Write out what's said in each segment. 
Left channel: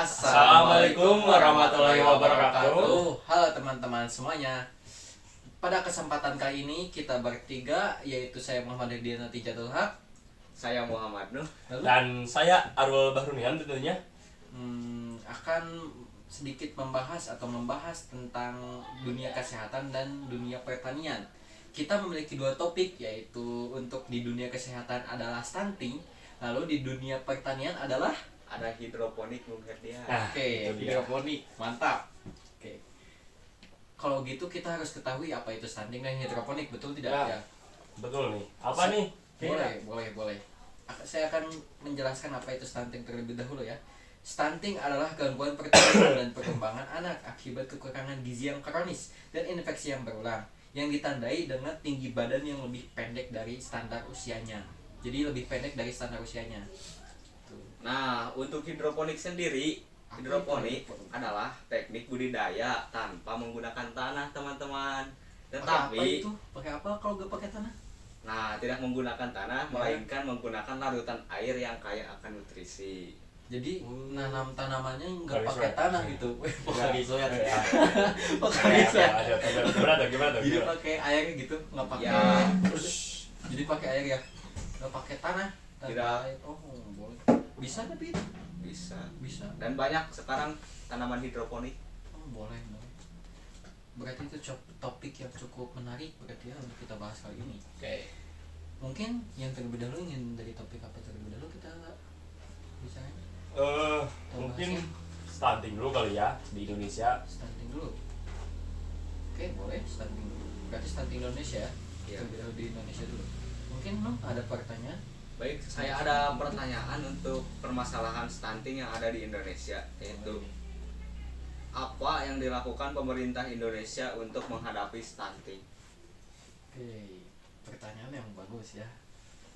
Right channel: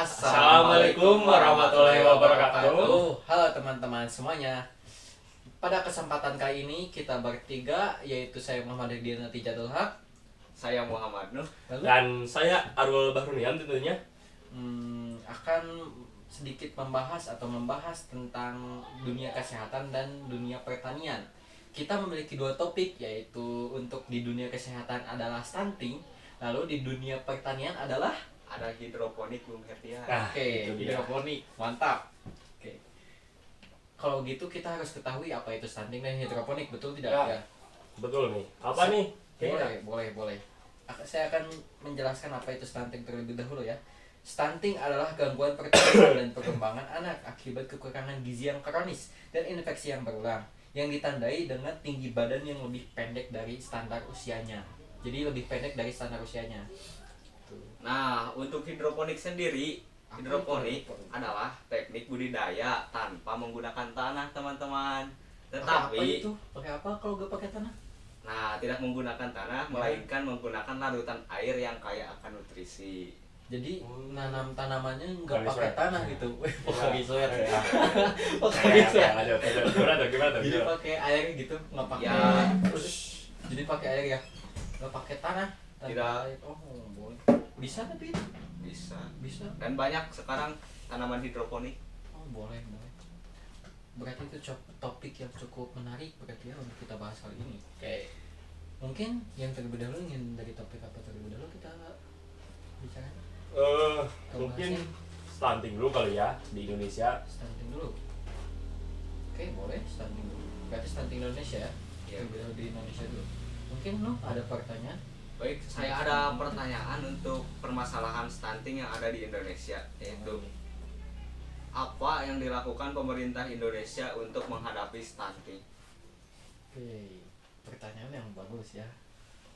Assalamualaikum warahmatullahi wabarakatuh. Halo teman-teman semuanya. Pada kesempatan kali ini kita bertiga, yaitu saya Muhammad Hidayat Tijatul Haq, Saya Muhammad Nuh. Dan saya Arul Bahrunian tentunya. akan sedikit membahas tentang dunia kesehatan dan dunia pertanian. Kita memiliki dua topik, yaitu untuk di dunia kesehatan adalah stunting, lalu di dunia pertanian adalah Ada hidroponik Bung Herdian. Itu dia. hidroponik. Mantap. Oke. Kalau gitu kita harus ketahui apa itu stunting dan hidroponik, betul tidak Ya. ya? Betul nih. Apa nih? Boleh. Saya akan menjelaskan apa itu stunting terlebih dahulu ya. Stunting adalah gangguan pertumbuhan dan perkembangan anak akibat kekurangan gizi yang kronis dan infeksi yang berulang, yang ditandai dengan tinggi badan yang lebih pendek dari standar usianya. Jadi lebih pendek dari standar usianya. Nah, untuk hidroponik sendiri, hidroponik adalah teknik budidaya tanpa menggunakan tanah, teman-teman. Pakai apa Tetapi, itu? Pakai apa kalau gak pakai tanah? nah, tidak menggunakan tanah, melainkan menggunakan larutan air yang kaya akan nutrisi. Jadi nanam tanamannya nggak Pakai pakai sweat. tanah gitu. Pakai sweat. Ya. Pakai sweat. Gimana tuh? Jadi pakai air gitu, nggak pakai. Ya. Jadi pakai air ya, nggak pakai tanah. Tanpa Tidak. air. Oh boleh. Bisa tapi itu Bisa. bisa. Dan banyak sekarang tanaman hidroponik. Oh boleh. Berarti itu topik yang cukup menarik berarti ya untuk kita bahas kali ini. Oke. Mungkin yang terlebih dahulu ingin dari topik apa terlebih dahulu kita bicara. Mungkin stunting dulu kali ya di Indonesia. Stunting dulu. Oke boleh stunting dulu. Berarti stunting Indonesia ya. Iya. Terlebih dahulu di Indonesia dulu. Mungkin lo ada pertanyaan? Baik, saya ada pertanyaan untuk permasalahan stunting yang ada di Indonesia, yaitu apa yang dilakukan pemerintah Indonesia untuk menghadapi stunting? Oke, pertanyaan yang bagus ya.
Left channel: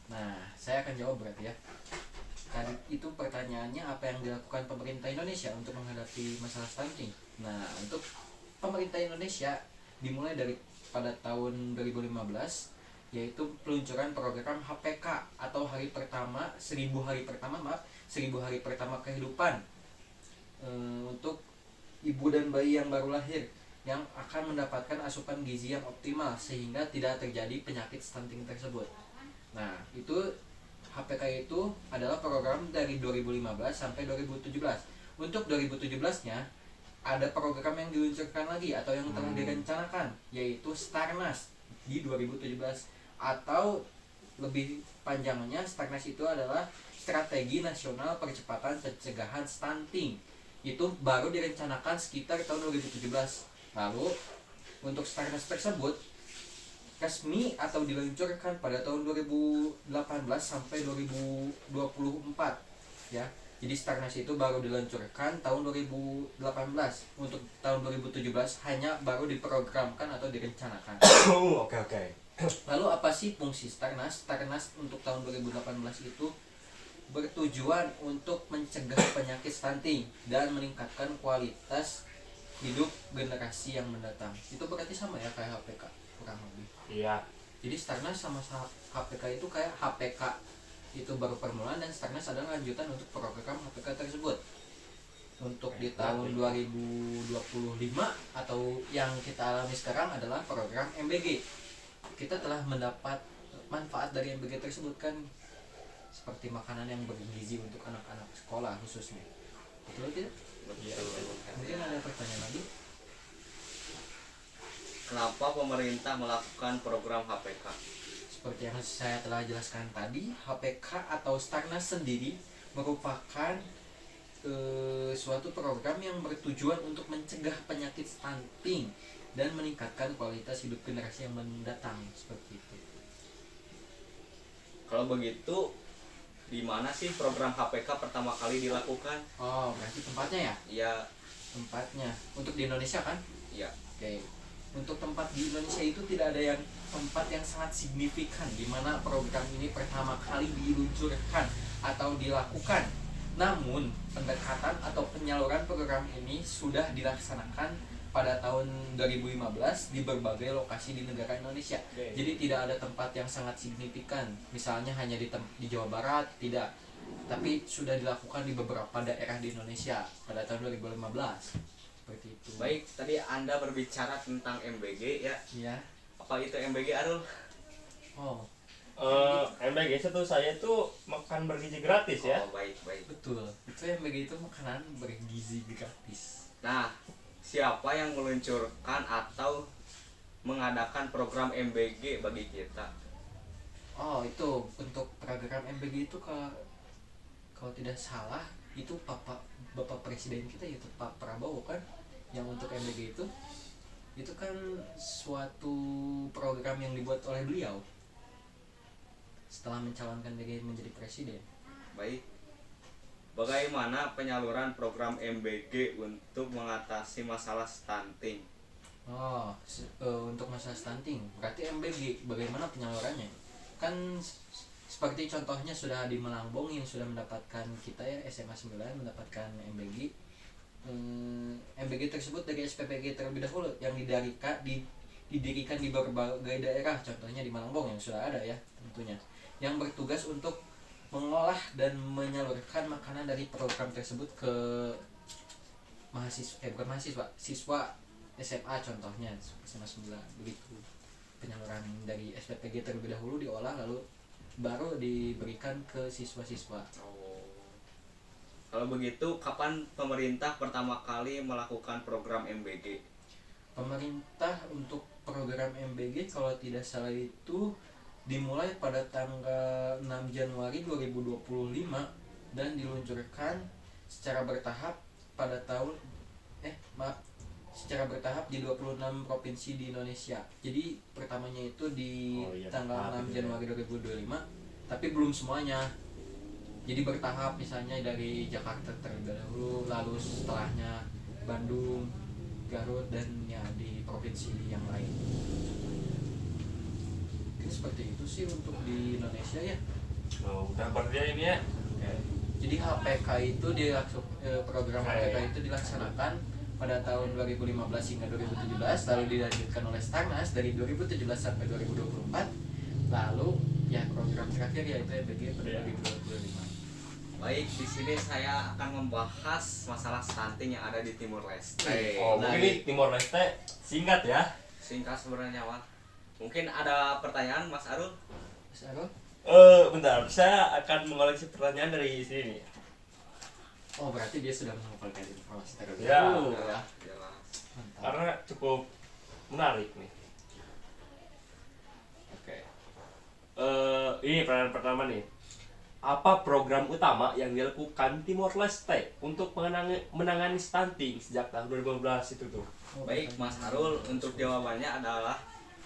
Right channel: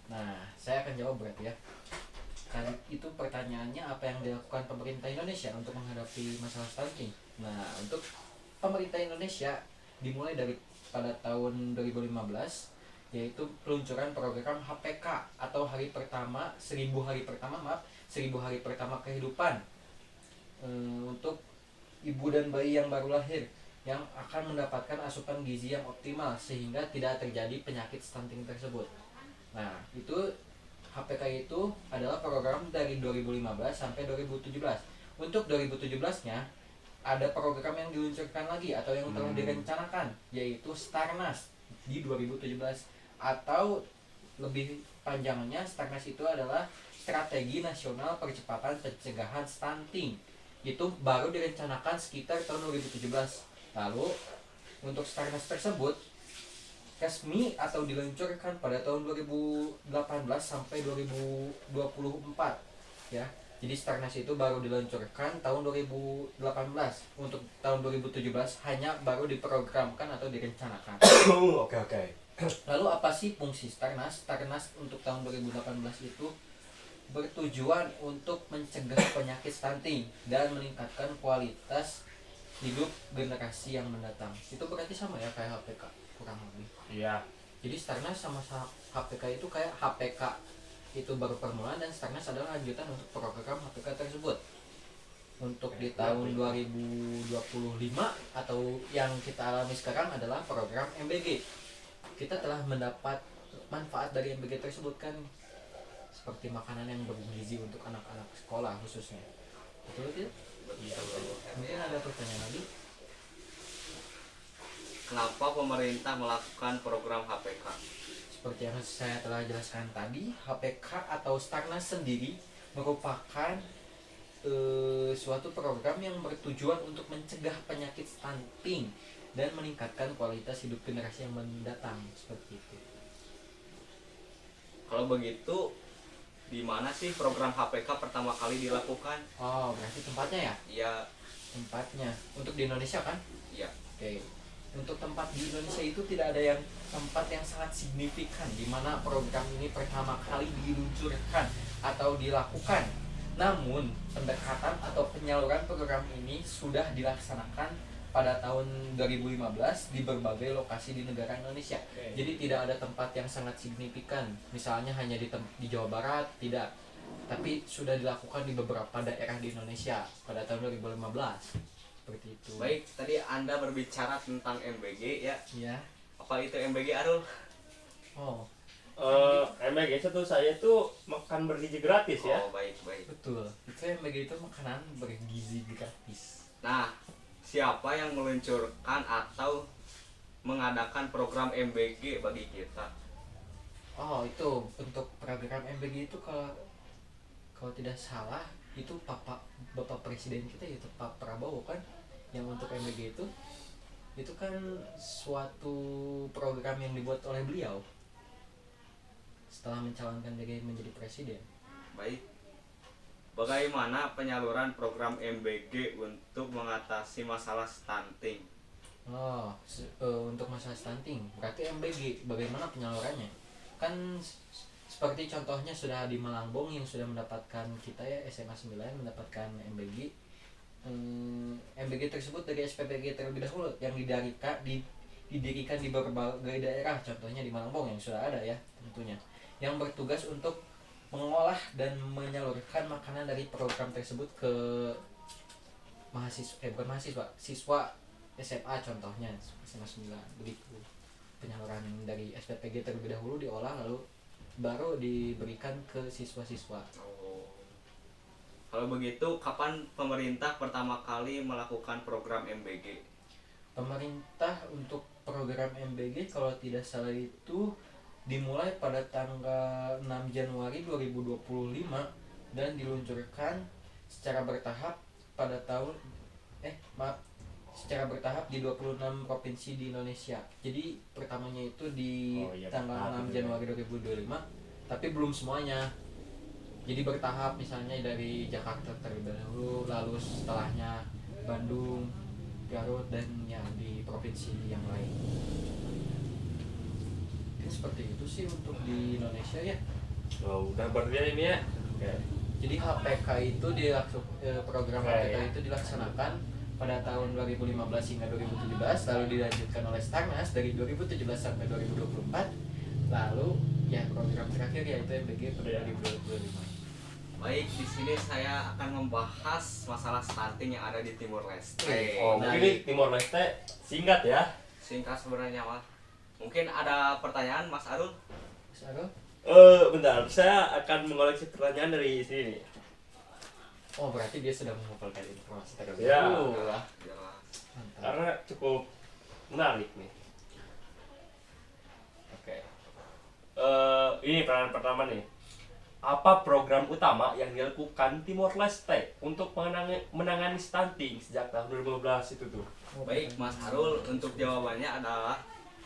Nah, saya akan jawab berarti ya. Tadi itu pertanyaannya apa yang dilakukan pemerintah Indonesia untuk menghadapi masalah stunting. Nah, untuk pemerintah Indonesia dimulai dari pada tahun 2015, yaitu peluncuran program HPK atau hari pertama 1000 hari pertama kehidupan untuk ibu dan bayi yang baru lahir yang akan mendapatkan asupan gizi yang optimal sehingga tidak terjadi penyakit stunting tersebut. Nah, itu HPK itu adalah program dari 2015 sampai 2017. Untuk 2017-nya ada program yang diluncurkan lagi atau yang telah direncanakan, yaitu Starnas di 2017, atau lebih panjangnya Starnas itu adalah Strategi Nasional Percepatan Pencegahan Stunting. Itu baru direncanakan sekitar tahun 2017. Lalu untuk Starnas tersebut resmi atau diluncurkan pada tahun 2018 sampai 2024 ya. Jadi Starnas itu baru diluncurkan tahun 2018. Untuk tahun 2017 hanya baru diprogramkan atau direncanakan. Oke. Lalu apa sih fungsi Starnas? Starnas untuk tahun 2018 itu bertujuan untuk mencegah penyakit stunting dan meningkatkan kualitas hidup generasi yang mendatang. Itu berarti sama ya kayak HPK kurang lebih. Iya. Jadi Starnas sama HPK itu kayak HPK itu baru permulaan dan Starnas adalah lanjutan untuk program HPK tersebut. Untuk di tahun 2025 atau yang kita alami sekarang adalah program MBG. Kita telah mendapat manfaat dari MBG tersebut kan, seperti makanan yang bergizi untuk anak-anak sekolah khususnya. Betul tidak? Mungkin ada pertanyaan lagi? Kenapa pemerintah melakukan program HPK? Seperti yang saya telah jelaskan tadi, HPK atau Starnas sendiri merupakan suatu program yang bertujuan untuk mencegah penyakit stunting dan meningkatkan kualitas hidup generasi yang mendatang, seperti itu. Kalau begitu, di mana sih program HPK pertama kali dilakukan? Oh, berarti tempatnya ya? Ya, Tempatnya untuk di Indonesia kan? ya. Oke. Untuk tempat di Indonesia itu tidak ada yang tempat yang sangat signifikan di mana program ini pertama kali diluncurkan atau dilakukan. Namun, pendekatan atau penyaluran program ini sudah dilaksanakan pada tahun 2015 di berbagai lokasi di negara Indonesia. Jadi tidak ada tempat yang sangat signifikan. Misalnya hanya di Jawa Barat, tidak. tapi sudah dilakukan di beberapa daerah di Indonesia pada tahun 2015 seperti itu. Baik, tadi Anda berbicara tentang MBG ya. Ya. Apa itu MBG, Arul? Oh, MBG itu saya tuh makan bergizi gratis ya. Oh, baik. betul. Itu yang begitu makanan bergizi gratis. Nah, siapa yang meluncurkan atau mengadakan program MBG bagi kita? Oh, itu untuk program MBG itu kalau tidak salah itu Bapak Presiden kita yaitu Pak Prabowo kan yang untuk MBG itu kan suatu program yang dibuat oleh beliau setelah mencalonkan diri menjadi presiden. Baik. Bagaimana penyaluran program MBG untuk mengatasi masalah stunting? Oh, untuk masalah stunting berarti MBG bagaimana penyalurannya? Kan seperti contohnya sudah di Malangbong yang sudah mendapatkan kita ya SMA 9 mendapatkan MBG. MBG tersebut dari SPPG terlebih dahulu yang didirikan di berbagai daerah, contohnya di Malangbong yang sudah ada ya tentunya, yang bertugas untuk mengolah dan menyalurkan makanan dari program tersebut ke siswa SMA contohnya SMA 9 begitu. Penyaluran dari SPPG terlebih dahulu diolah lalu baru diberikan ke siswa-siswa. Oh. Kalau begitu, kapan pemerintah pertama kali melakukan program MBG? Pemerintah untuk program MBG kalau tidak salah itu dimulai pada tanggal 6 Januari 2025 dan diluncurkan secara bertahap pada secara bertahap di 26 provinsi di Indonesia. Jadi pertamanya itu di tanggal 6 Januari 2025, tapi belum semuanya. Jadi bertahap, misalnya dari Jakarta terlebih dahulu, lalu setelahnya Bandung, Garut, dan ya di provinsi yang lain. Ini seperti itu sih untuk di Indonesia ya. Oh, udah berarti ini ya. Oke. Jadi HPK itu program HPK itu dilaksanakan pada tahun 2015 hingga 2017, lalu dilanjutkan oleh Starnas dari 2017 sampai 2024, lalu ya program terakhir yaitu MBG pada 2025. Baik, di sini saya akan membahas masalah stunting yang ada di Timur Leste. Oh, Nah, mungkin Timor Leste singkat ya. Singkat sebenarnya, Mas. Mungkin ada pertanyaan, Mas Arul? Mas Arul? Bentar, saya akan mengoleksi pertanyaan dari sini. Oh, berarti dia sudah mengumpulkan informasi terlebih Ya. dahulu ya. Jelas. Mantap. Karena cukup menarik nih. Oke. Ini pertanyaan pertama nih. Apa program utama yang dilakukan Timor Leste untuk menangani stunting sejak tahun 2015 itu tuh? Baik, Mas Arul, untuk jawabannya adalah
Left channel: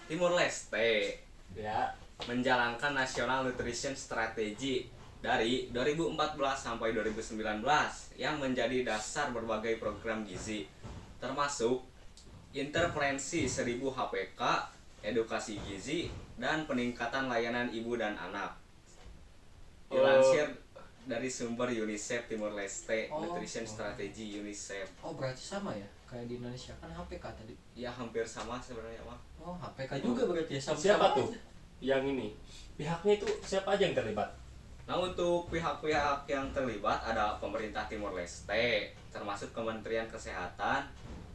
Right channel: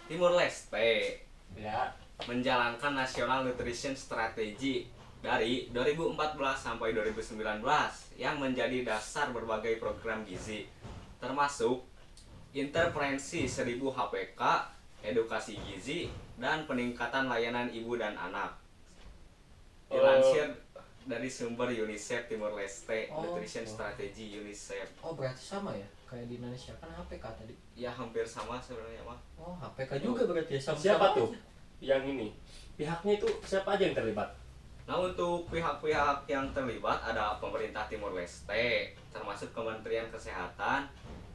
Timur Leste Ya. menjalankan National Nutrition Strategy dari 2014 sampai 2019 yang menjadi dasar berbagai program gizi, termasuk intervensi 1000 HPK, edukasi gizi, dan peningkatan layanan ibu dan anak. Dilansir dari sumber UNICEF Timor Leste, Nutrition Strategy UNICEF. Oh, berarti sama ya kayak di Indonesia kan HPK tadi. Ya hampir sama sebenarnya, Pak. Oh, HPK juga berarti ya sama. Siapa tuh yang ini? Pihaknya itu siapa aja yang terlibat? Nah, untuk pihak-pihak yang terlibat ada pemerintah Timor Leste, termasuk Kementerian Kesehatan,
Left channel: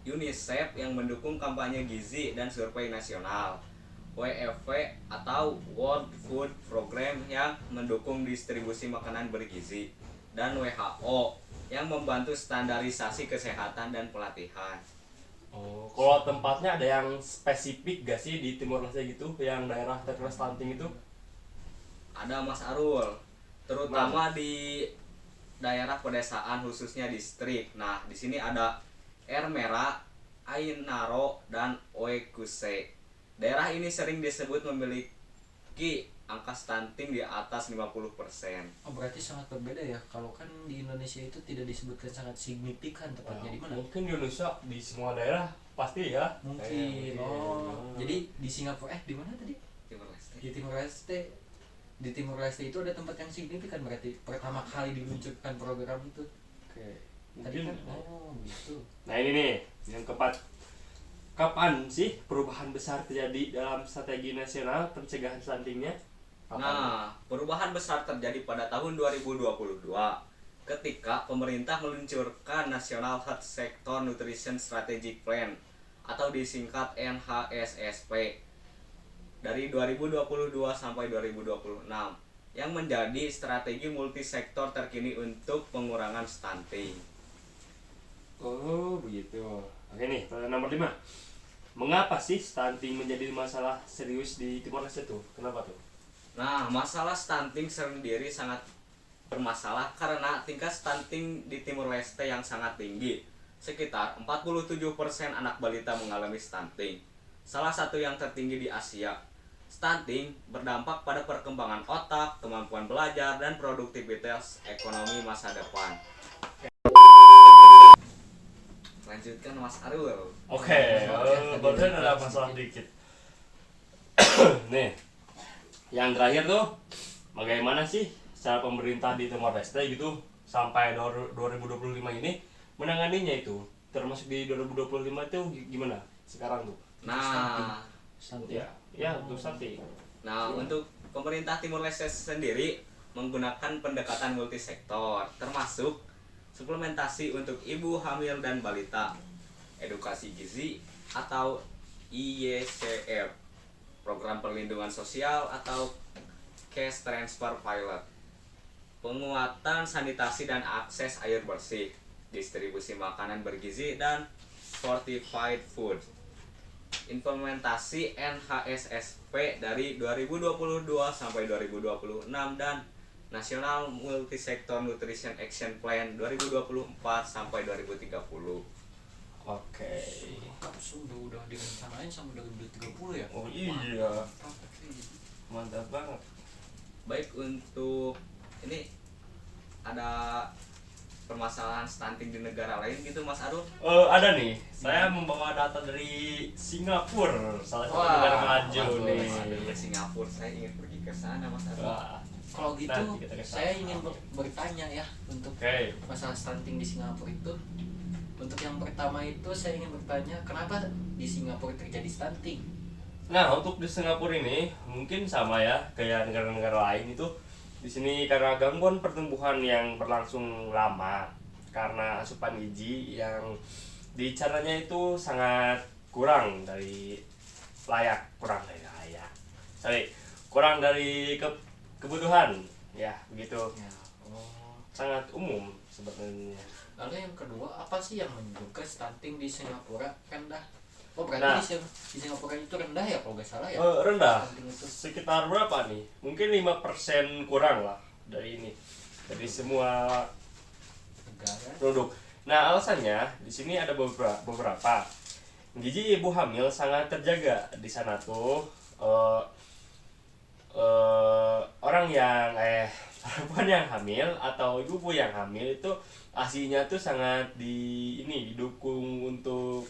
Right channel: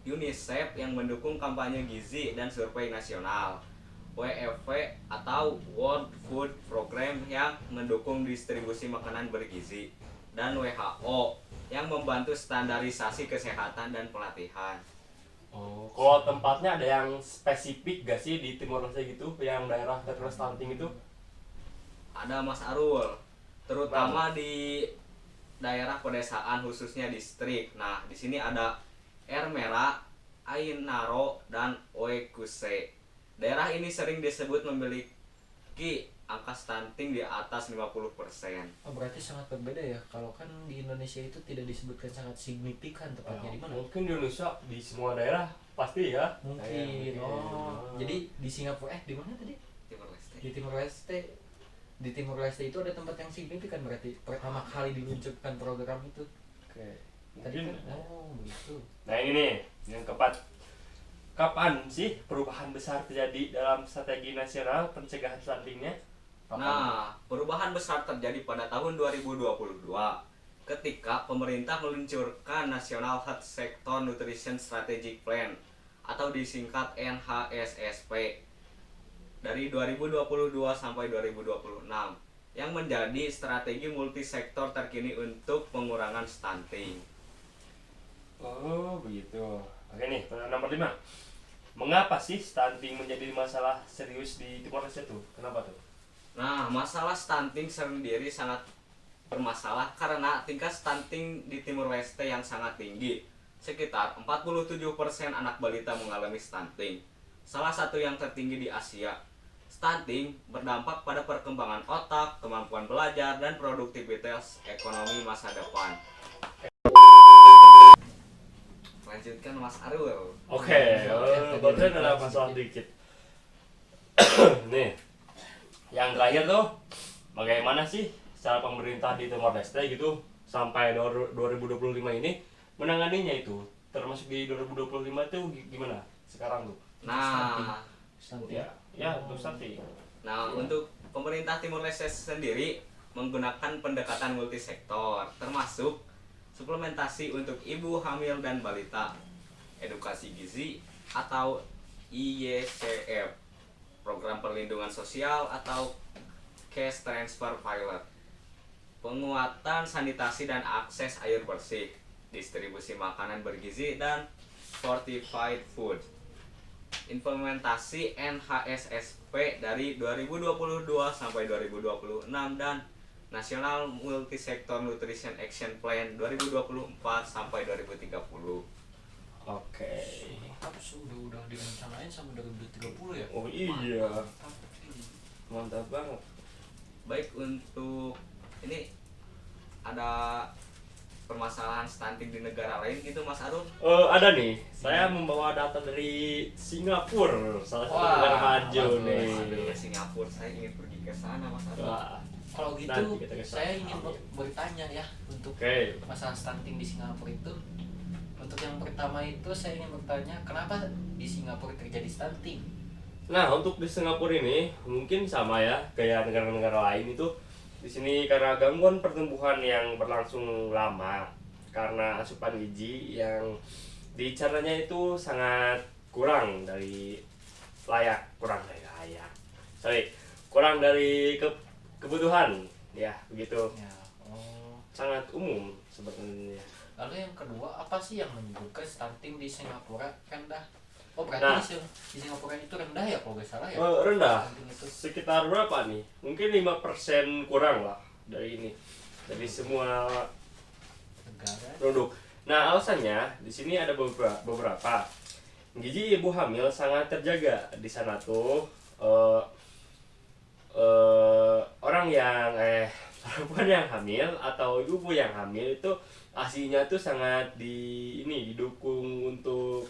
UNICEF yang mendukung kampanye gizi dan survei nasional, WFP atau World Food Program yang mendukung distribusi makanan bergizi, dan WHO yang membantu standarisasi kesehatan dan pelatihan. Oh, kalau tempatnya ada yang spesifik gak sih di Timor Leste gitu, yang daerah terkena stunting itu? Ada, Mas Arul, terutama di daerah pedesaan khususnya distrik. Nah, di sini ada Ermera, Ainaro, dan Oekuse. Daerah ini sering disebut memiliki angka stunting di atas 50%. Oh, berarti sangat berbeda ya. Kalau kan di Indonesia itu tidak disebutkan sangat signifikan tepatnya di mana? Mungkin di Indonesia di semua daerah pasti ya. Mungkin. Oh, jadi di Singapura di mana tadi? Timor Leste. Di Timor Leste. Di Timor Leste itu ada tempat yang signifikan berarti pertama kali diluncurkan program itu. Oke. Tadi Mungkin. kan begitu. Nah ini nih yang keempat. Kapan sih perubahan besar terjadi dalam strategi nasional pencegahan stuntingnya? Nah, perubahan besar terjadi pada tahun 2022 ketika pemerintah meluncurkan National Health Sector Nutrition Strategic Plan atau disingkat NHSSP dari 2022 sampai 2026 yang menjadi strategi multisektor terkini untuk pengurangan stunting. Oh begitu. Oke nih, pertanyaan nomor 5. Mengapa sih stunting menjadi masalah serius di Timor Leste tuh? Kenapa tuh? Nah, masalah stunting sendiri sangat bermasalah karena tingkat stunting di Timur Leste yang sangat tinggi. Sekitar 47% anak balita mengalami stunting. Salah satu yang tertinggi di Asia. Stunting berdampak pada perkembangan otak, kemampuan belajar, dan produktivitas ekonomi masa depan. Lanjutkan Mas Arul. Oke, barusan ada masalah dikit. Nih, yang terakhir tuh, bagaimana sih cara pemerintah di Timor Leste gitu sampai 2025 ini menanganinya itu, termasuk di 2025 itu gimana sekarang tuh? Nah, Stunting. Ya untuk stunting. untuk pemerintah Timor Leste sendiri menggunakan pendekatan multisektor, termasuk suplementasi untuk ibu hamil dan balita, edukasi gizi atau IYCF, program perlindungan sosial atau cash transfer pilot, penguatan sanitasi dan akses air bersih, distribusi makanan bergizi dan fortified food, implementasi NHSSP dari 2022 sampai 2026 dan National Multi-Sector Nutrition Action Plan 2024 sampai 2030. Oke. Udah direncanain sampai 2030 ya. Oh iya, mantap banget. Baik, untuk ini ada permasalahan stunting di negara lain gitu Mas Arul? Ada nih, saya membawa data dari Singapura, salah satu negara maju nih. Aduh, Singapura, saya ingin pergi ke sana Mas Arul. Wah, Kalau gitu nanti kita ke sana. saya ingin bertanya ya untuk Oke. masalah stunting di Singapura itu. Untuk yang pertama itu saya ingin bertanya kenapa di Singapura terjadi stunting? Nah, untuk di Singapura ini mungkin sama ya kayak negara-negara lain itu. Di sini karena gangguan pertumbuhan yang berlangsung lama karena asupan gizi yang dicaranya itu sangat kurang dari kurang dari kebutuhan ya begitu, Ya. Oh. sangat umum sebenarnya. Lalu yang kedua apa sih yang menyebabkan stunting di Singapura rendah? Oh berarti Nah. di Singapura itu rendah ya kalau nggak salah ya? Rendah Stunting itu. sekitar berapa nih, mungkin 5% kurang lah dari ini, dari semua Negara. produk. Nah, alasannya di sini ada beberapa. Gizi ibu hamil sangat terjaga di sana tuh. Orang yang perempuan yang hamil atau ibu yang hamil itu asinya tuh sangat didukung untuk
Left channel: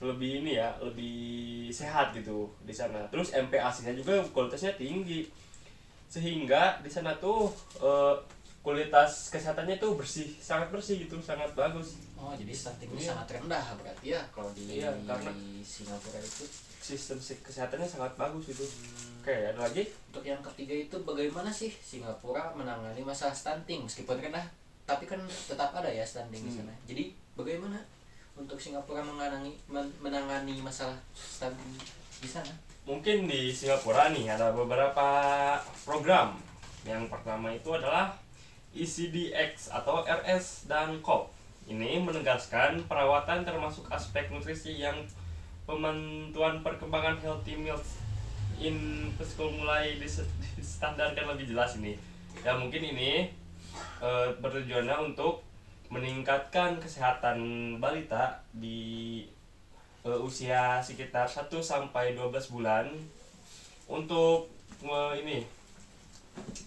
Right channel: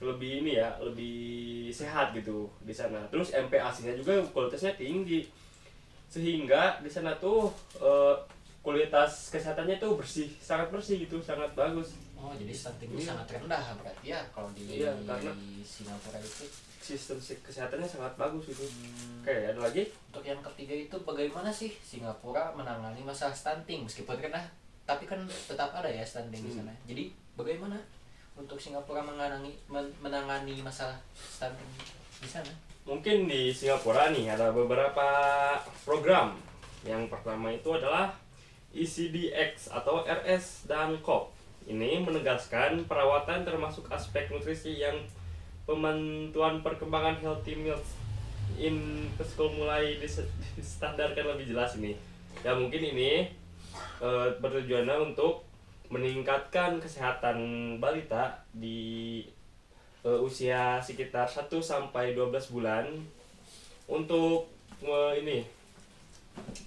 lebih ini ya, lebih sehat gitu di sana. Terus MPASI-nya juga kualitasnya tinggi. Sehingga di sana tuh kualitas kesehatannya tuh sangat bersih gitu, sangat bagus. Oh jadi stuntingnya Iya. sangat rendah berarti ya kalau di Iya, karena Singapura itu. Sistem kesehatannya sangat bagus itu. Oke, ada lagi? Untuk yang ketiga itu bagaimana sih Singapura menangani masalah stunting meskipun rendah tapi kan tetap ada ya stunting di sana. Jadi bagaimana untuk Singapura menangani masalah stunting di sana? Mungkin di Singapura nih ada beberapa program. Yang pertama itu adalah ECDX atau RS dan COP. Ini menegaskan perawatan termasuk aspek nutrisi yang pemantauan perkembangan healthy meals in preschool mulai distandarkan lebih jelas ini. Ya mungkin ini bertujuan untuk meningkatkan kesehatan balita di usia sekitar 1 sampai 12 bulan untuk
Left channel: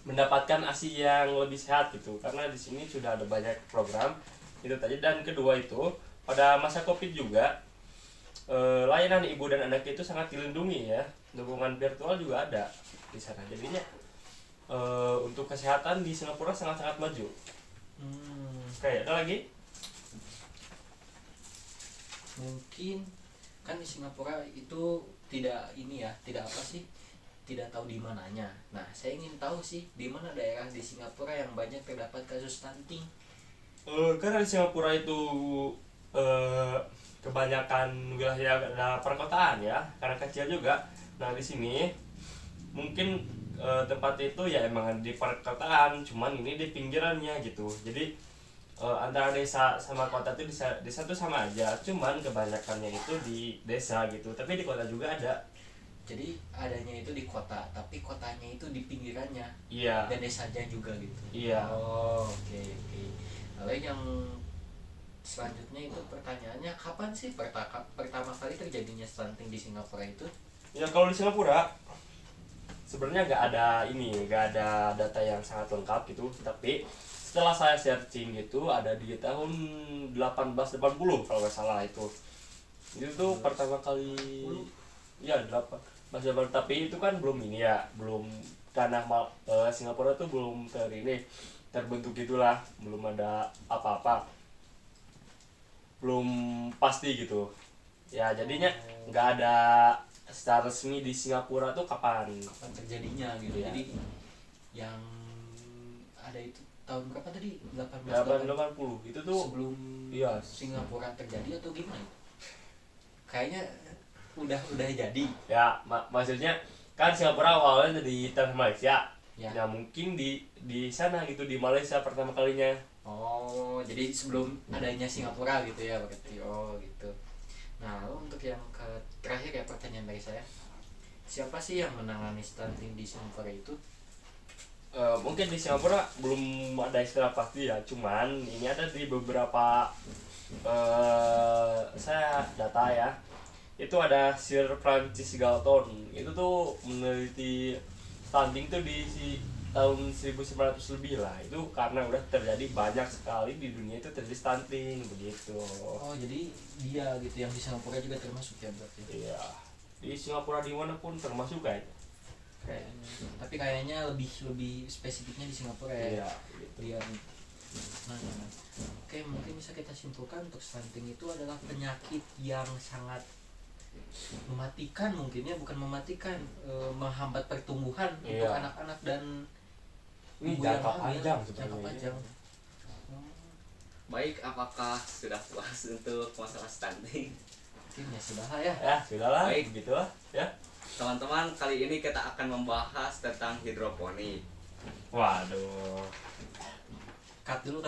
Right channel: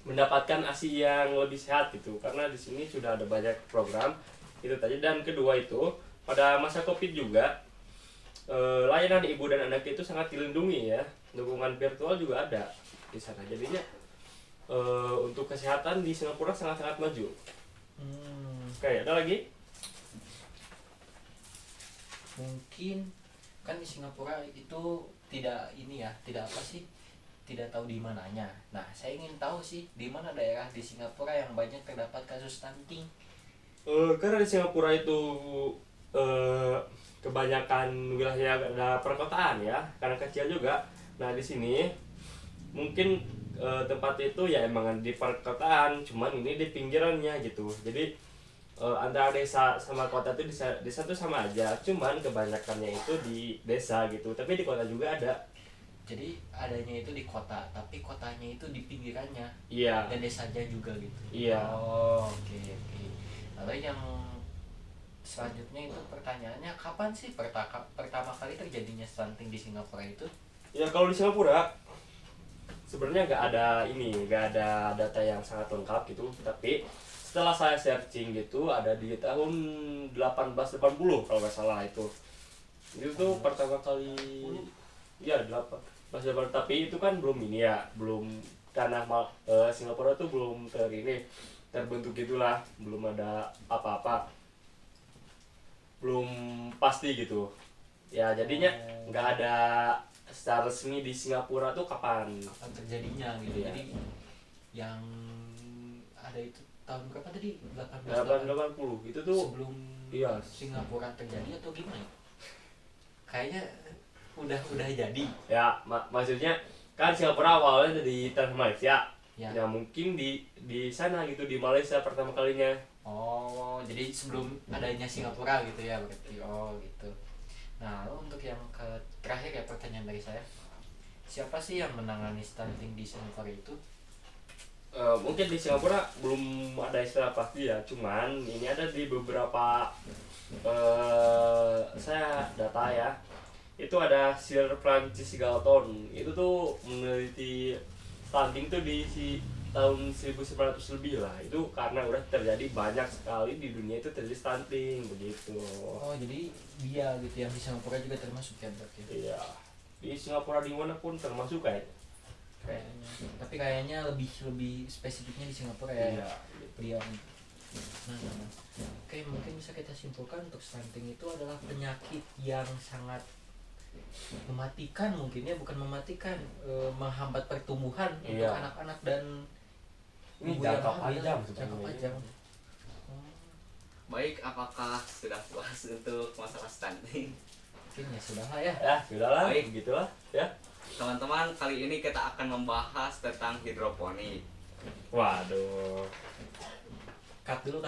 mendapatkan ASI yang lebih sehat gitu. Karena di sini sudah ada banyak program itu tadi. Dan kedua itu pada masa Covid juga layanan ibu dan anak itu sangat dilindungi ya. Dukungan virtual juga ada di sana. Jadinya untuk kesehatan di Singapura sangat-sangat maju. Oke, ada lagi? Mungkin kan di Singapura itu tidak apa sih tidak tahu di mananya. Nah, saya ingin tahu sih di mana daerah di Singapura yang banyak terdapat kasus stunting. Karena di Singapura itu eh, kebanyakan wilayahnya adalah perkotaan ya, karena kecil juga. Nah di sini mungkin tempat itu ya emang di perkotaan, cuman ini di pinggirannya gitu. Jadi antara desa sama kota itu desa itu sama aja, cuman kebanyakannya itu di desa gitu. Tapi di kota juga ada. Jadi adanya itu di kota, tapi kotanya itu di pinggirannya Iya, dan desanya juga gitu. iya. Oh, oke oke. Lalu yang selanjutnya itu pertanyaannya kapan sih pertama kali terjadinya stunting di Singapura itu? Ya kalau di Singapura sebenarnya nggak ada data yang sangat lengkap gitu, tapi setelah saya searching gitu ada di tahun 1880 kalau nggak salah itu tuh pertama kali ya 1880, tapi itu kan belum ini ya, belum karena Singapura tuh belum terbentuk gitulah, belum ada apa-apa, belum pasti gitu ya, jadinya nggak ada secara resmi di Singapura tuh kapan. Kapan terjadinya gitu. Iya. Jadi yang ada itu tahun berapa tadi? 1880 itu tuh sebelum iya. Singapura terjadi atau gimana? Kayaknya udah jadi. Ya maksudnya kan Singapura awalnya di tanah Malaysia Ya. ya, mungkin di sana gitu, di Malaysia pertama kalinya. Oh, jadi sebelum adanya Singapura gitu ya berarti. Oh, gitu. Nah, lalu untuk yang terakhir ya pertanyaan dari saya. Siapa sih yang menangani stunting di Singapura itu? Mungkin di Singapura belum ada istilah pasti ya, cuman ini ada di beberapa saya data ya, itu ada Sir Francis Galton, itu tuh meneliti stunting tuh di tahun 1900 lebih lah, itu karena udah terjadi banyak sekali di dunia itu terjadi stunting begitu. Oh, jadi dia gitu yang di Singapura juga termasuk ya berarti. Iya, di Singapura dimanapun termasuk Kayaknya. Tapi kayaknya lebih spesifiknya di Singapura ya. iya. Dia. Nah, oke, mungkin bisa kita simpulkan untuk stunting itu adalah penyakit yang sangat mematikan, mungkin ya, bukan mematikan, menghambat pertumbuhan untuk Iya. anak-anak dan Ini ibu yang jangka hamil. panjang Jangka sebenarnya. panjang. Oh, Baik, apakah sudah puas untuk masalah stunting? mungkin ya sudah lah ya. Ya sudahlah, Baik. begitulah ya. Teman-teman, kali ini kita akan membahas tentang hidroponik. Waduh. Cut dulu.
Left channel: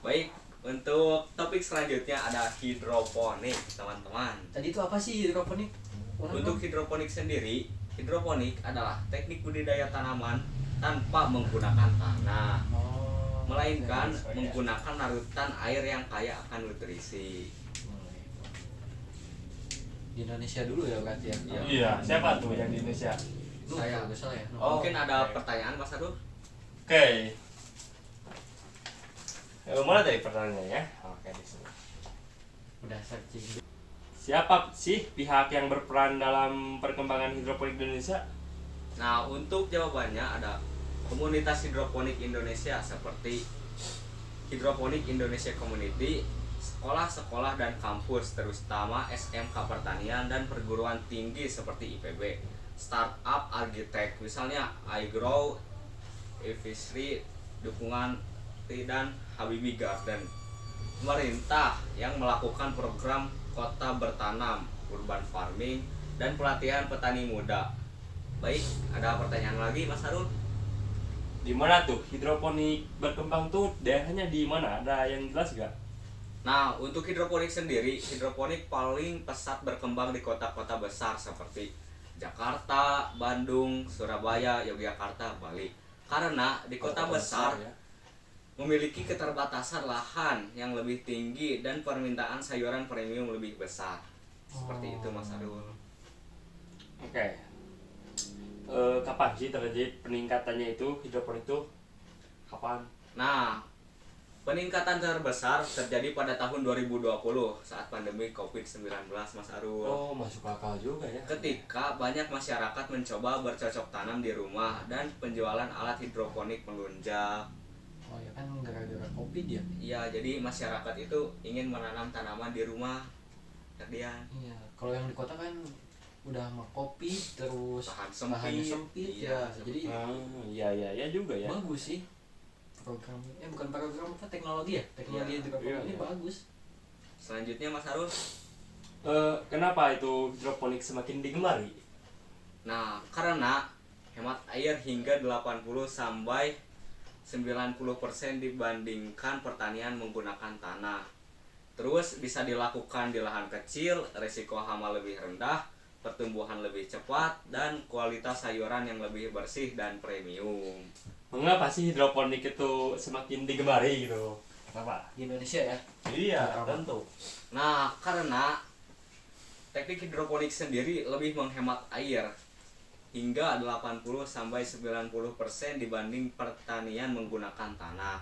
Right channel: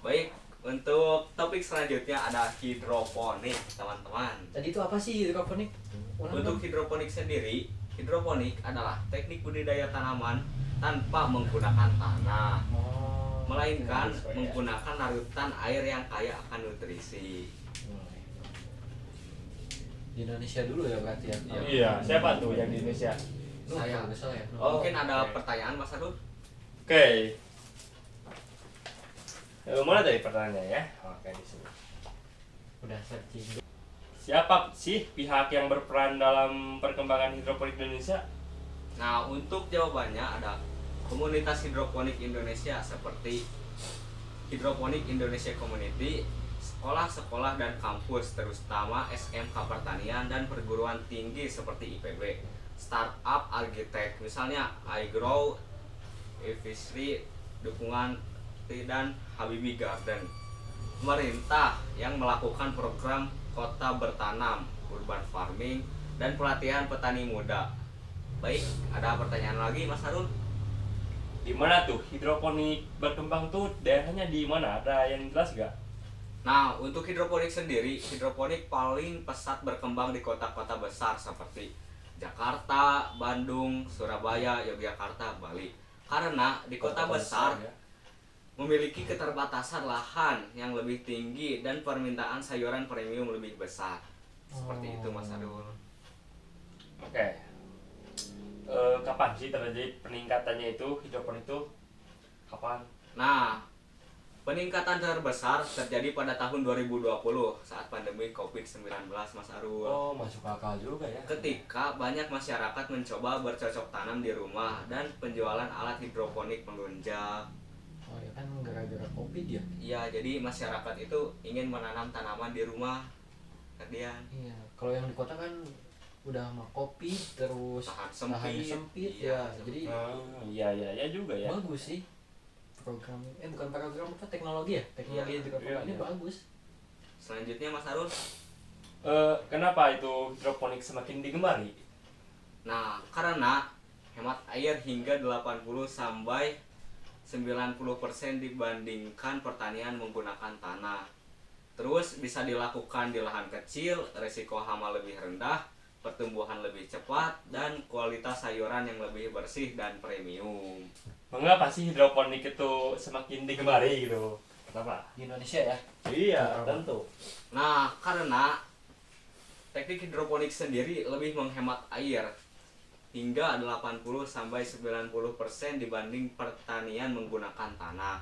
Baik, untuk topik selanjutnya ada hidroponik, teman-teman. Tadi itu apa sih hidroponik? Untuk hidroponik sendiri, hidroponik adalah teknik budidaya tanaman tanpa menggunakan tanah, Oh, melainkan Oke. menggunakan larutan air yang kaya akan nutrisi. di Indonesia dulu ya berarti ya. Iya. Iya, siapa tuh yang di Indonesia? Nuh, Saya. kalau nggak salah ya. Nuh. Oh. Mungkin ada oke. pertanyaan, Mas Arul? Oke. Mulai dari pertanyaannya. Oke, di sini. Udah searching. Siapa sih pihak yang berperan dalam perkembangan hidroponik di Indonesia? Nah, untuk jawabannya ada komunitas hidroponik Indonesia seperti Hidroponik Indonesia Community, sekolah-sekolah dan kampus, terutama SMK Pertanian dan perguruan tinggi seperti IPB, startup arsitek, misalnya iGrow, Evisri, dukungan dan Habibie Garden. Pemerintah yang melakukan program kota bertanam, urban farming, dan pelatihan petani muda. Baik, ada pertanyaan lagi, Mas Harun? Di mana tuh hidroponik berkembang tuh, daerahnya di mana? Ada yang jelas gak? Nah, untuk hidroponik sendiri, hidroponik paling pesat berkembang di kota-kota besar seperti Jakarta, Bandung, Surabaya, Yogyakarta, Bali. Karena di kota besar ya. memiliki keterbatasan lahan yang lebih tinggi dan permintaan sayuran premium lebih besar. Seperti itu, Mas Arul. Oke. Kapan sih terjadi peningkatannya itu hidroponik itu? Kapan? Nah, peningkatan terbesar terjadi pada tahun 2020 saat pandemi COVID-19, Mas Arul. Oh, masuk akal juga ya. Ketika banyak masyarakat mencoba bercocok tanam di rumah dan penjualan alat hidroponik melunjak. Oh ya kan gara-gara Covid ya. Ya, jadi masyarakat itu ingin menanam tanaman di rumah. Kemudian Iya, kalau yang di kota kan udah sama kopi terus Lahan lahannya sempit, sempit iya. ya. Jadi Iya ya juga ya. bagus sih program bukan program apa teknologi ya, teknologi Iya, hidroponik iya, ini iya. bagus. Selanjutnya Mas Harun. Kenapa itu hidroponik semakin digemari? Nah, karena hemat air hingga 80 sampai 90% dibandingkan pertanian menggunakan tanah. Terus bisa dilakukan di lahan kecil, resiko hama lebih rendah, pertumbuhan lebih cepat, dan kualitas sayuran yang lebih bersih dan premium. Mengapa sih hidroponik itu semakin digemari gitu? Kenapa? Di Indonesia ya. Iya, Kenapa? tentu. Nah, karena teknik hidroponik sendiri lebih menghemat air hingga 80 sampai 90% dibanding pertanian menggunakan tanah.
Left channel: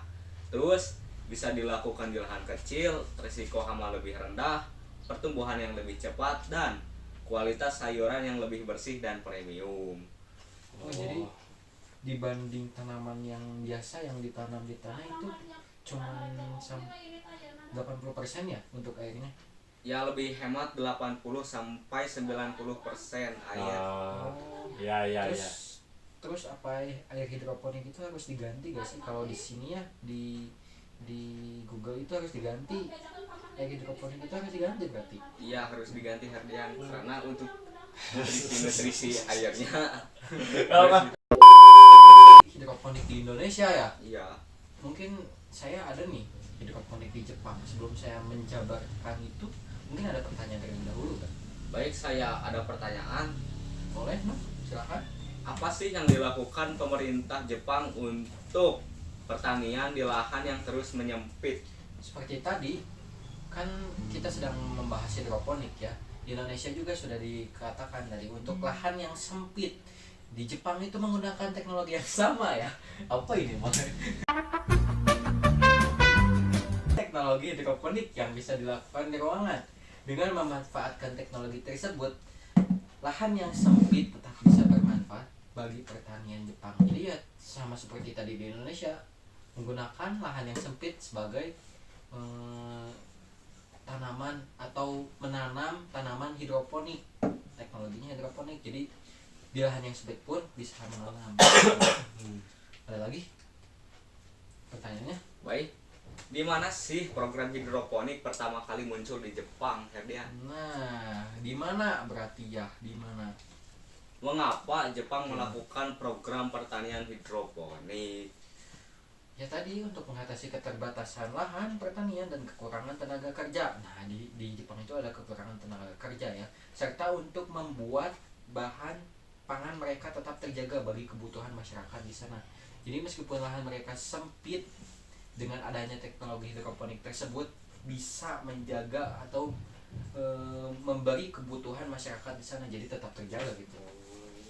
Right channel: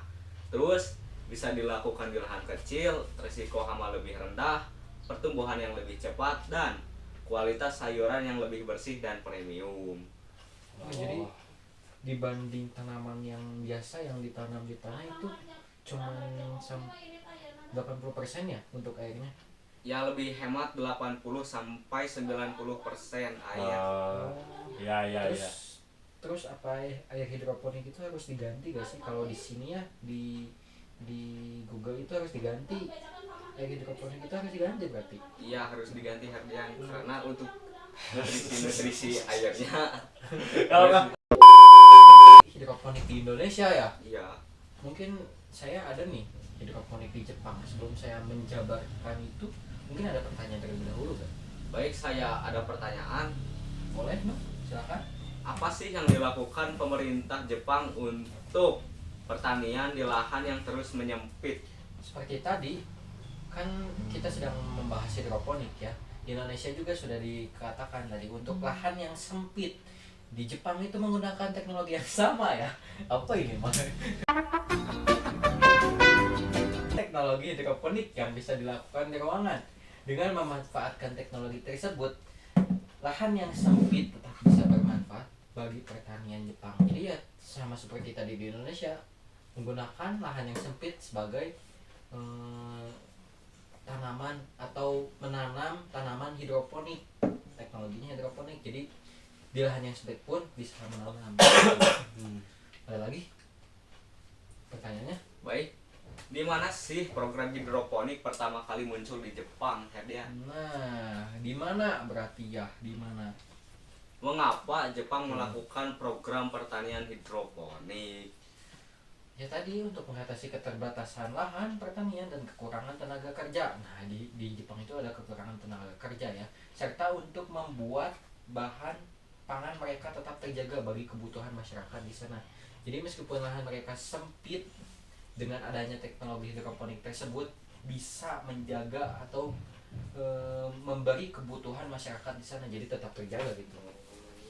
Terus bisa dilakukan di lahan kecil, risiko hama lebih rendah, pertumbuhan yang lebih cepat, dan kualitas sayuran yang lebih bersih dan premium. Oh, jadi dibanding tanaman yang biasa yang ditanam di tanah itu cuma 80% ya untuk airnya. Ya lebih hemat 80 sampai 90% air. Iya iya terus iya. terus apa air hidroponik itu harus diganti gak sih? Kalau di sini ya di Google itu harus diganti, air hidroponik itu harus diganti berarti. Iya harus diganti Herdian karena untuk nutrisi airnya. Kalau Hidroponik di Indonesia ya, Iya. mungkin saya ada nih hidroponik di Jepang. Sebelum saya menjabarkan itu, mungkin ada pertanyaan terlebih dahulu kan? Baik, saya ada pertanyaan. Boleh, no? Silakan. Apa sih yang dilakukan pemerintah Jepang untuk pertanian di lahan yang terus menyempit? Seperti tadi, kan kita sedang membahas hidroponik ya. Di Indonesia juga sudah dikatakan tadi untuk lahan yang sempit. Di Jepang itu menggunakan teknologi yang sama ya. Apa ini makanya? Teknologi hidroponik yang bisa dilakukan di ruangan. Dengan memanfaatkan teknologi tersebut, lahan yang sempit tetap bisa bermanfaat bagi pertanian Jepang. Jadi ya sama seperti tadi di Indonesia, menggunakan lahan yang sempit sebagai tanaman atau menanam tanaman hidroponik. Teknologinya hidroponik. Jadi di lahan yang sempit pun bisa menanam. Ada lagi pertanyaannya? Baik. Di mana sih program hidroponik pertama kali muncul di Jepang, Herdian? Nah, di mana berarti ya? Di mana? Mengapa Jepang melakukan program pertanian hidroponik? Ya tadi untuk mengatasi keterbatasan lahan pertanian dan kekurangan tenaga kerja. Nah, di Jepang itu ada kekurangan tenaga kerja ya, serta untuk membuat bahan pangan mereka tetap terjaga bagi kebutuhan masyarakat di sana. Jadi meskipun lahan mereka sempit, dengan adanya teknologi hidroponik tersebut bisa menjaga atau memberi kebutuhan masyarakat di sana, jadi tetap terjaga gitu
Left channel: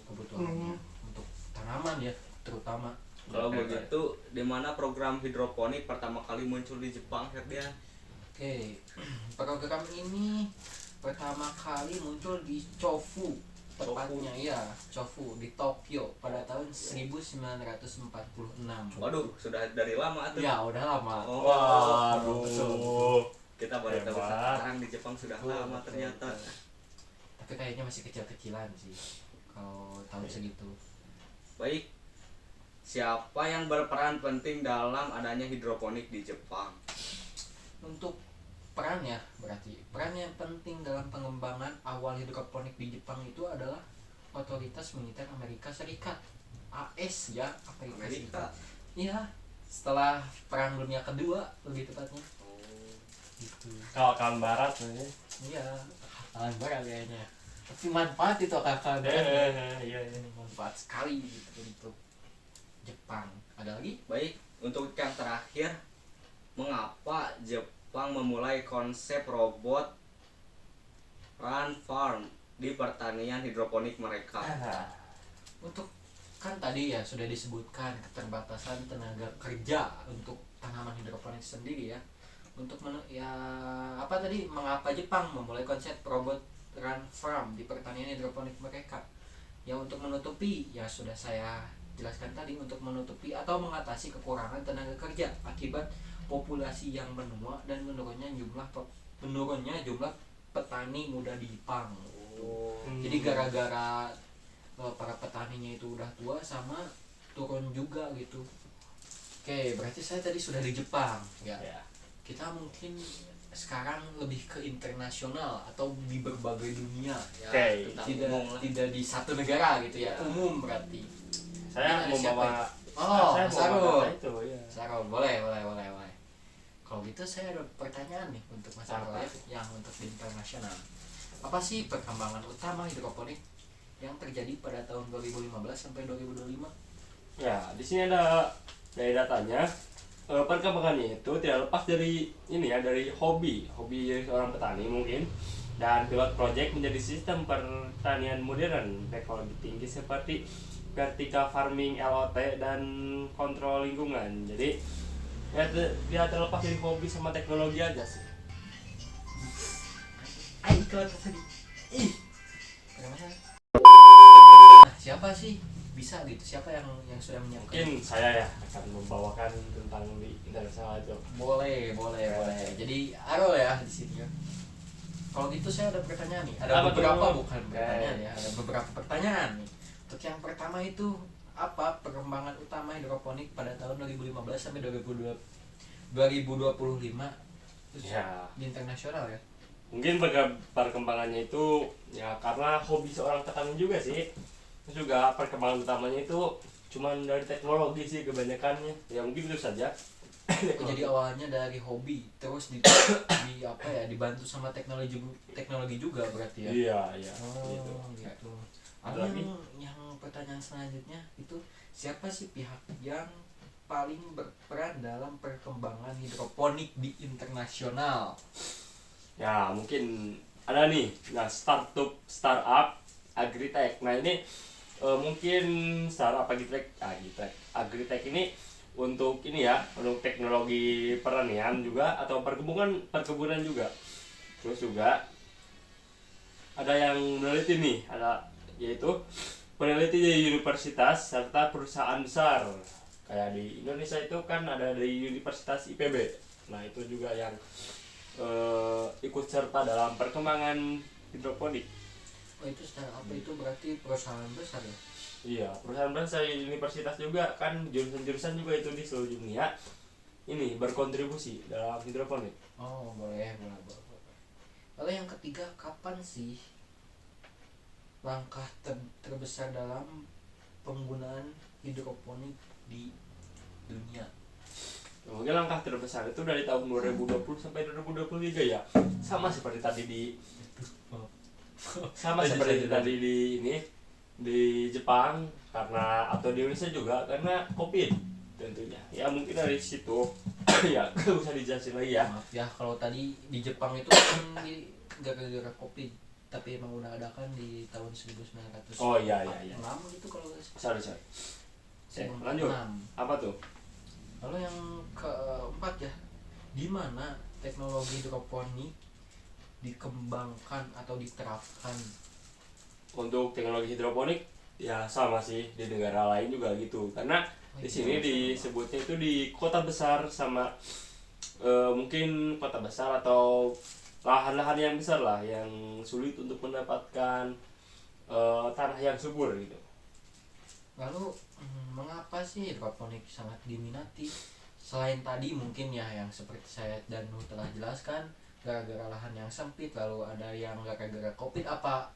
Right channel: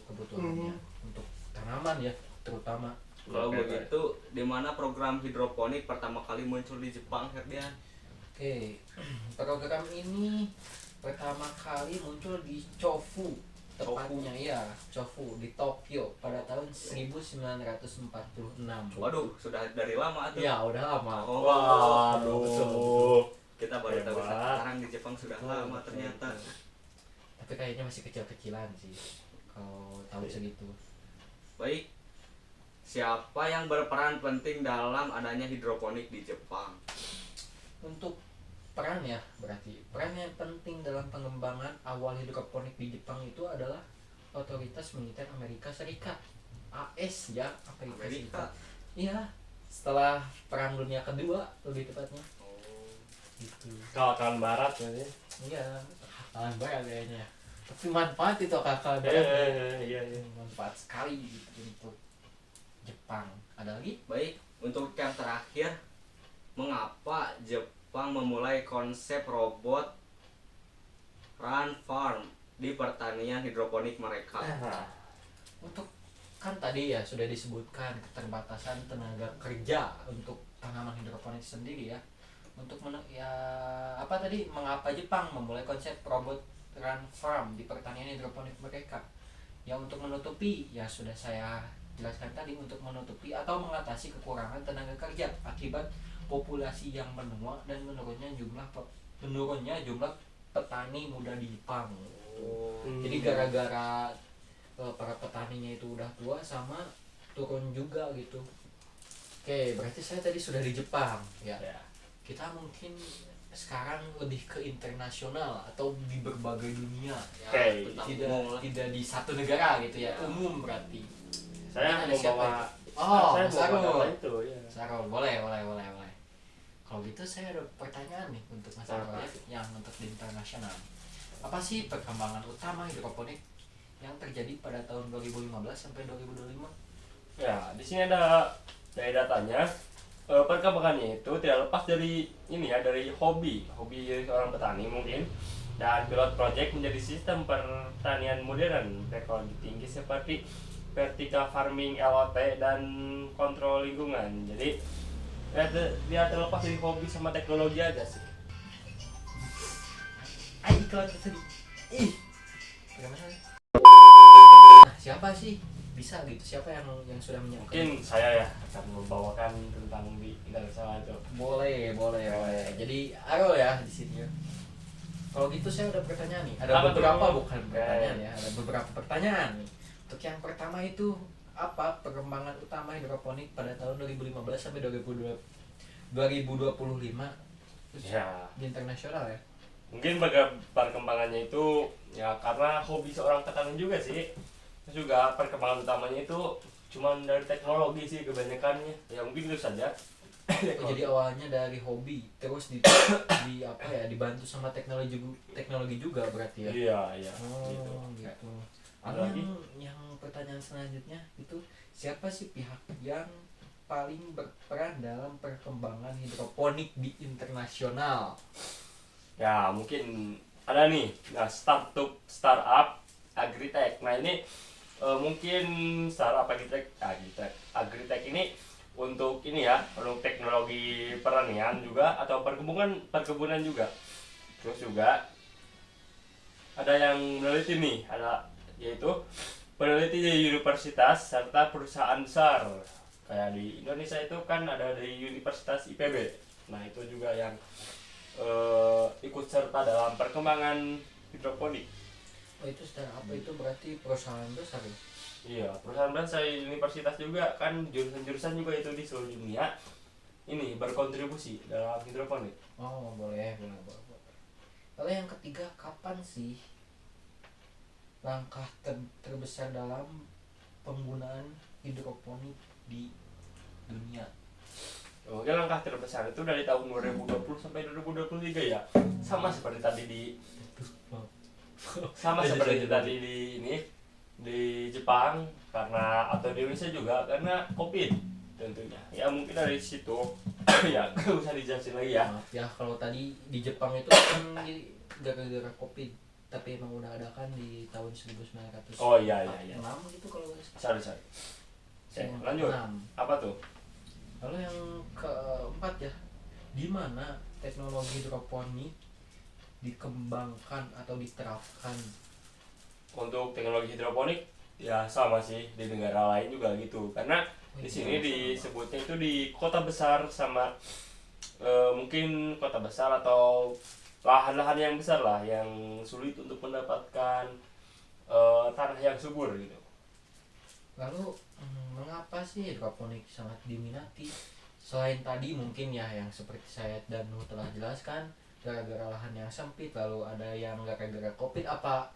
kebutuhannya untuk tanaman ya terutama. Kalau begitu, di mana program hidroponik pertama kali muncul di Jepang, Herdian? Oke, program ini pertama kali muncul di Chofu, tepatnya ya Chofu di Tokyo pada tahun 1946. Waduh, sudah dari lama tuh. Ya udah lama. Oh, waduh. kita baru tahu Hebat. sekarang di Jepang sudah lama ternyata. Tapi kayaknya masih kecil-kecilan sih kalau tahun segitu. Baik, siapa yang berperan penting dalam adanya hidroponik di Jepang? Untuk peran ya, berarti peran yang penting dalam pengembangan awal hidroponik di Jepang itu adalah otoritas militer Amerika Serikat, AS ya, Amerika Serikat. Iya, setelah Perang Dunia Kedua lebih tepatnya. Oh, Gitu. kawan barat ini. Iya, kawan barat kayaknya. Tapi manfaat itu kakak Iya iya. manfaat sekali gitu untuk Jepang. Ada lagi? baik, untuk yang terakhir, mengapa Jepang memulai konsep robot run farm di pertanian hidroponik mereka? Untuk kan tadi ya sudah disebutkan keterbatasan tenaga kerja untuk tanaman hidroponik sendiri ya. Untuk apa tadi mengapa Jepang memulai konsep robot run farm di pertanian hidroponik mereka? Ya untuk menutupi, ya sudah saya jelaskan tadi, untuk menutupi atau mengatasi kekurangan tenaga kerja akibat populasi yang menua dan menurunnya jumlah petani muda di Jepang. Hmm. Jadi gara-gara para petaninya itu udah tua sama turun juga gitu. Oke, berarti saya tadi sudah di Jepang ya. Ya. Kita mungkin sekarang lebih ke internasional atau di berbagai dunia ya. Oke. Tidak di satu negara gitu ya. Umum berarti. Saya Ini ada siapa membawa Oh, saya Sarul. membawa data itu ya. Sarul, boleh. Kalau gitu saya ada pertanyaan nih untuk Mas Sarul Apa? ya, yang untuk di internasional. Apa sih perkembangan utama hidroponik yang terjadi pada tahun 2015 sampai 2025? Ya, di sini ada dari datanya. Perkembangannya itu tidak lepas dari ini ya, dari hobi seorang petani mungkin, dan pilot project menjadi sistem pertanian modern teknologi tinggi seperti vertical farming, LOT, dan kontrol lingkungan. Jadi ya, dia terlepas dari hobi sama teknologi aja sih. Iklan tadi. Bagaimana? Siapa sih bisa gitu? Siapa yang sudah menyiapkan? Mungkin saya ya akan membawakan tentang di internasional itu. Boleh. Jadi Arul ya di sini ya. Kalau gitu saya ada pertanyaan nih. Ada Apa beberapa tuh? bukan pertanyaan ya. Ada beberapa pertanyaan nih. Untuk yang pertama itu apa perkembangan utama hidroponik pada tahun 2015 sampai 2025 Ya, di internasional ya? mungkin perkembangannya itu ya karena hobi seorang petani juga sih. Terus juga perkembangan utamanya itu cuman dari teknologi sih kebanyakannya. Ya mungkin itu saja. Oh, jadi awalnya dari hobi terus di apa ya dibantu sama teknologi juga berarti ya? Iya, Oh gitu. gitu. Ada Lalu lagi? yang pertanyaan selanjutnya itu siapa sih pihak yang paling berperan dalam perkembangan hidroponik di internasional? Ya, mungkin ada nih. Nah, startup agritech. Nah, ini mungkin startup agritech ini untuk ini ya, untuk teknologi pertanian juga atau perkebunan juga. Terus juga ada yang meneliti nih, yaitu peneliti di universitas serta perusahaan besar. Kayak di Indonesia itu kan ada di Universitas IPB. Nah, itu juga yang ikut serta dalam perkembangan hidroponik. Oh, itu startup itu berarti perusahaan besar ya? Iya, perusahaan besar universitas juga kan jurusan-jurusan juga itu di seluruh dunia ini berkontribusi dalam hidroponik. Oh boleh. Lalu yang ketiga, kapan sih langkah terbesar dalam penggunaan hidroponik di dunia? Mungkin langkah terbesar itu dari tahun 2020 sampai 2023 ya. Sama seperti tadi di Jepang karena atau di Indonesia juga karena Covid tentunya. Ya mungkin dari situ ya nggak usah dijelasin lagi ya. Maaf ya kalau tadi di Jepang itu kan gara-gara Covid, tapi emang udah ada kan di tahun 1946 Oh iya. gitu kalau nggak Sorry. Lanjut. 1946. Apa tuh? Lalu yang keempat ya, di mana teknologi hidroponik dikembangkan atau diterapkan? Untuk teknologi hidroponik ya sama sih di negara lain juga gitu. Karena di sini disebutnya itu di kota besar sama mungkin kota besar atau lahan-lahan yang besar lah yang sulit untuk mendapatkan tanah yang subur gitu. Lalu mengapa sih hidroponik sangat diminati? Selain tadi mungkin ya yang seperti saya dan Nuh telah jelaskan, gara-gara lahan yang sempit, lalu ada yang gara-gara Covid, apa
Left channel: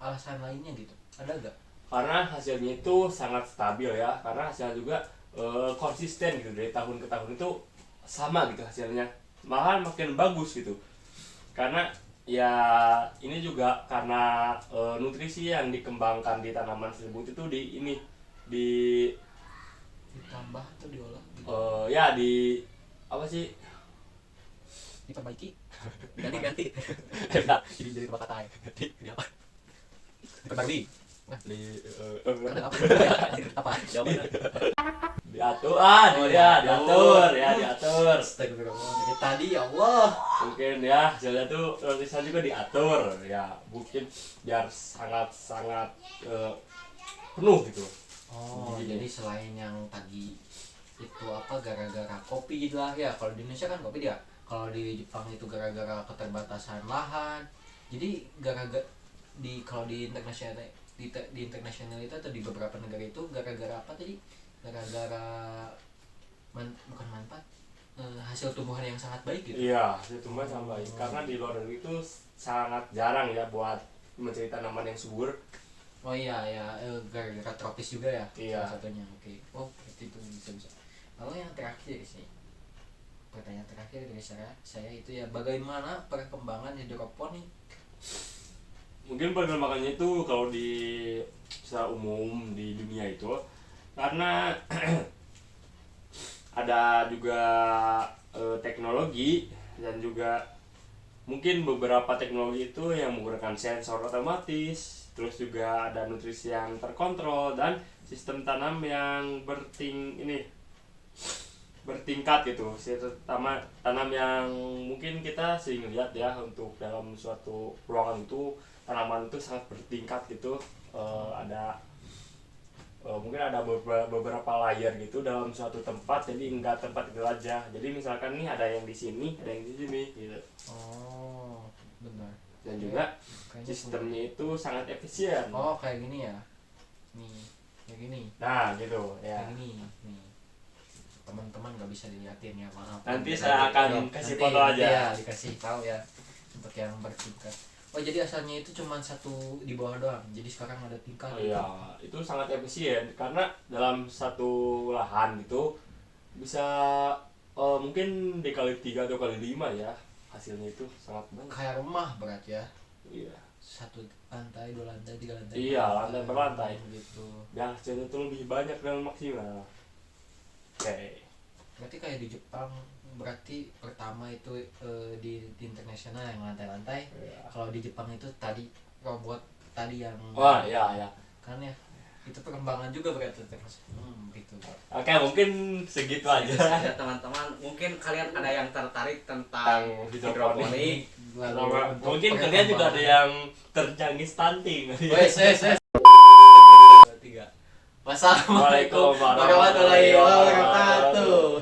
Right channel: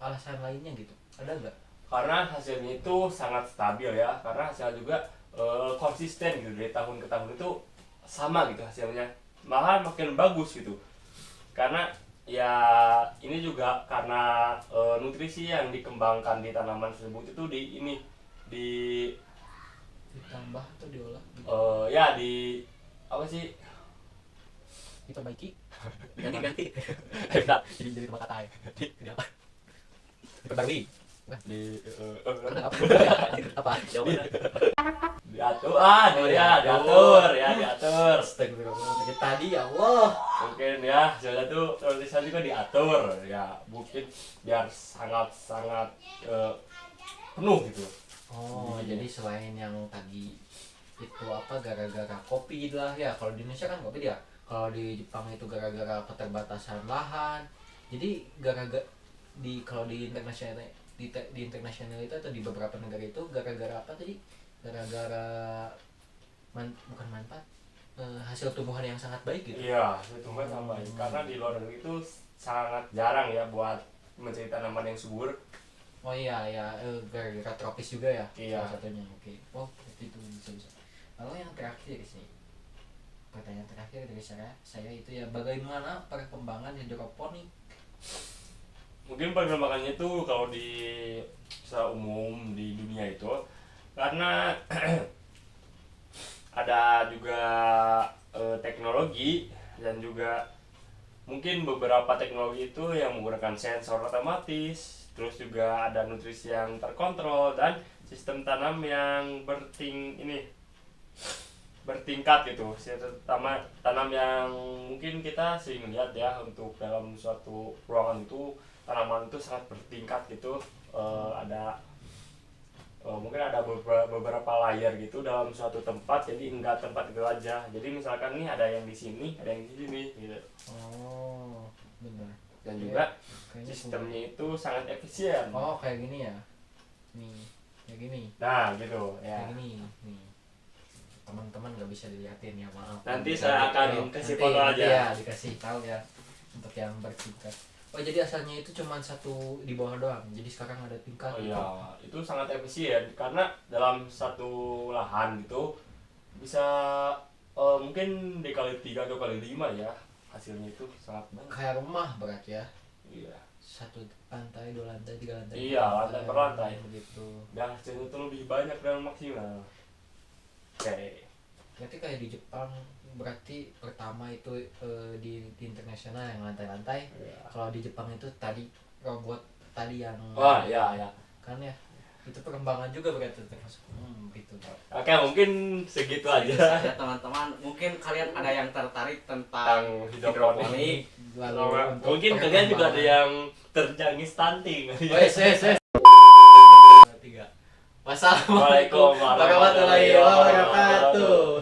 alasan lainnya gitu? Ada gak? Karena hasilnya itu sangat stabil ya, karena hasilnya juga konsisten gitu dari tahun ke tahun itu sama gitu hasilnya, malah makin bagus gitu. Karena ya ini juga karena nutrisi yang dikembangkan di tanaman tersebut itu Ditambah atau diolah gitu? ya di apa sih Diperbaiki? Ganti. Jadi tempat kata ya? Di apa? Diperbarui? di Apa? Jawabannya? diatur. Astagfirullah. Dari tadi ya Allah. Mungkin ya hasilnya tuh nutrisi juga diatur ya, mungkin biar sangat penuh gitu. Oh, jadi selain yang tadi itu apa gara-gara kopi lah ya. Kalau di Indonesia kan kopi ya Kalau di Jepang itu gara-gara keterbatasan lahan. Jadi gara-gara kalau di internasional di internasional itu atau di beberapa negara itu gara-gara apa tadi? Gara-gara bukan manfaat, hasil tumbuhan yang sangat baik gitu. Iya, itu tumbuhan sangat baik. Karena di luar negeri itu sangat jarang ya buat mencari tanaman yang subur. Oh iya ya, gara-gara tropis juga ya. Iya. Salah satunya. Oke. Oh, berarti itu bisa. Lalu yang terakhir sih. Pertanyaan terakhir dari saya itu ya, bagaimana perkembangan hidroponik? Mungkin perkembangannya itu kalau di secara umum di dunia itu karena ada juga teknologi dan juga mungkin beberapa teknologi itu yang menggunakan sensor otomatis, terus juga ada nutrisi yang terkontrol dan sistem tanam yang bertingkat gitu. Sistem tanam yang mungkin kita sering lihat ya untuk dalam suatu ruangan itu tanaman itu sangat bertingkat gitu. Mungkin ada beberapa layer gitu dalam suatu tempat, jadi enggak tempat itu aja. Jadi misalkan nih ada yang di sini, ada yang di sini gitu. Oh, benar. Dan juga Kayaknya sistemnya itu sangat efisien. Oh, kayak gini ya. Nih, kayak gini. Nah, gitu ya. Kayak gini. Nih. Teman-teman nggak bisa dilihatin ya, maaf. Nanti saya akan kasih foto aja. Ya, dikasih tahu ya untuk yang bertingkat. Oh, jadi asalnya itu cuma satu di bawah doang. Jadi sekarang ada tingkat. Oh iya, itu sangat efisien karena dalam satu lahan gitu bisa mungkin dikali 3 atau kali 5 ya, hasilnya itu sangat banyak. Kayak rumah berarti ya. Iya. Satu lantai, 2 lantai, 3 lantai. Iya, lantai per lantai. Gitu. Dan hasilnya itu lebih banyak dan maksimal. Oke. Berarti kayak di Jepang, berarti pertama itu di internasional yang lantai-lantai. Iya. Kalau di Jepang itu tadi robot tadi yang Wah, ya. kan ya, itu perkembangan juga berarti termasuk gitu. Oke, mungkin segitu aja. Ya teman-teman, mungkin kalian ada yang tertarik tentang hidroponik. Lalu untuk Mungkin kalian juga ada yang terjangkit stunting. wes 3. Wassalamualaikum Waalaikumsalam warahmatullahi wabarakatuh.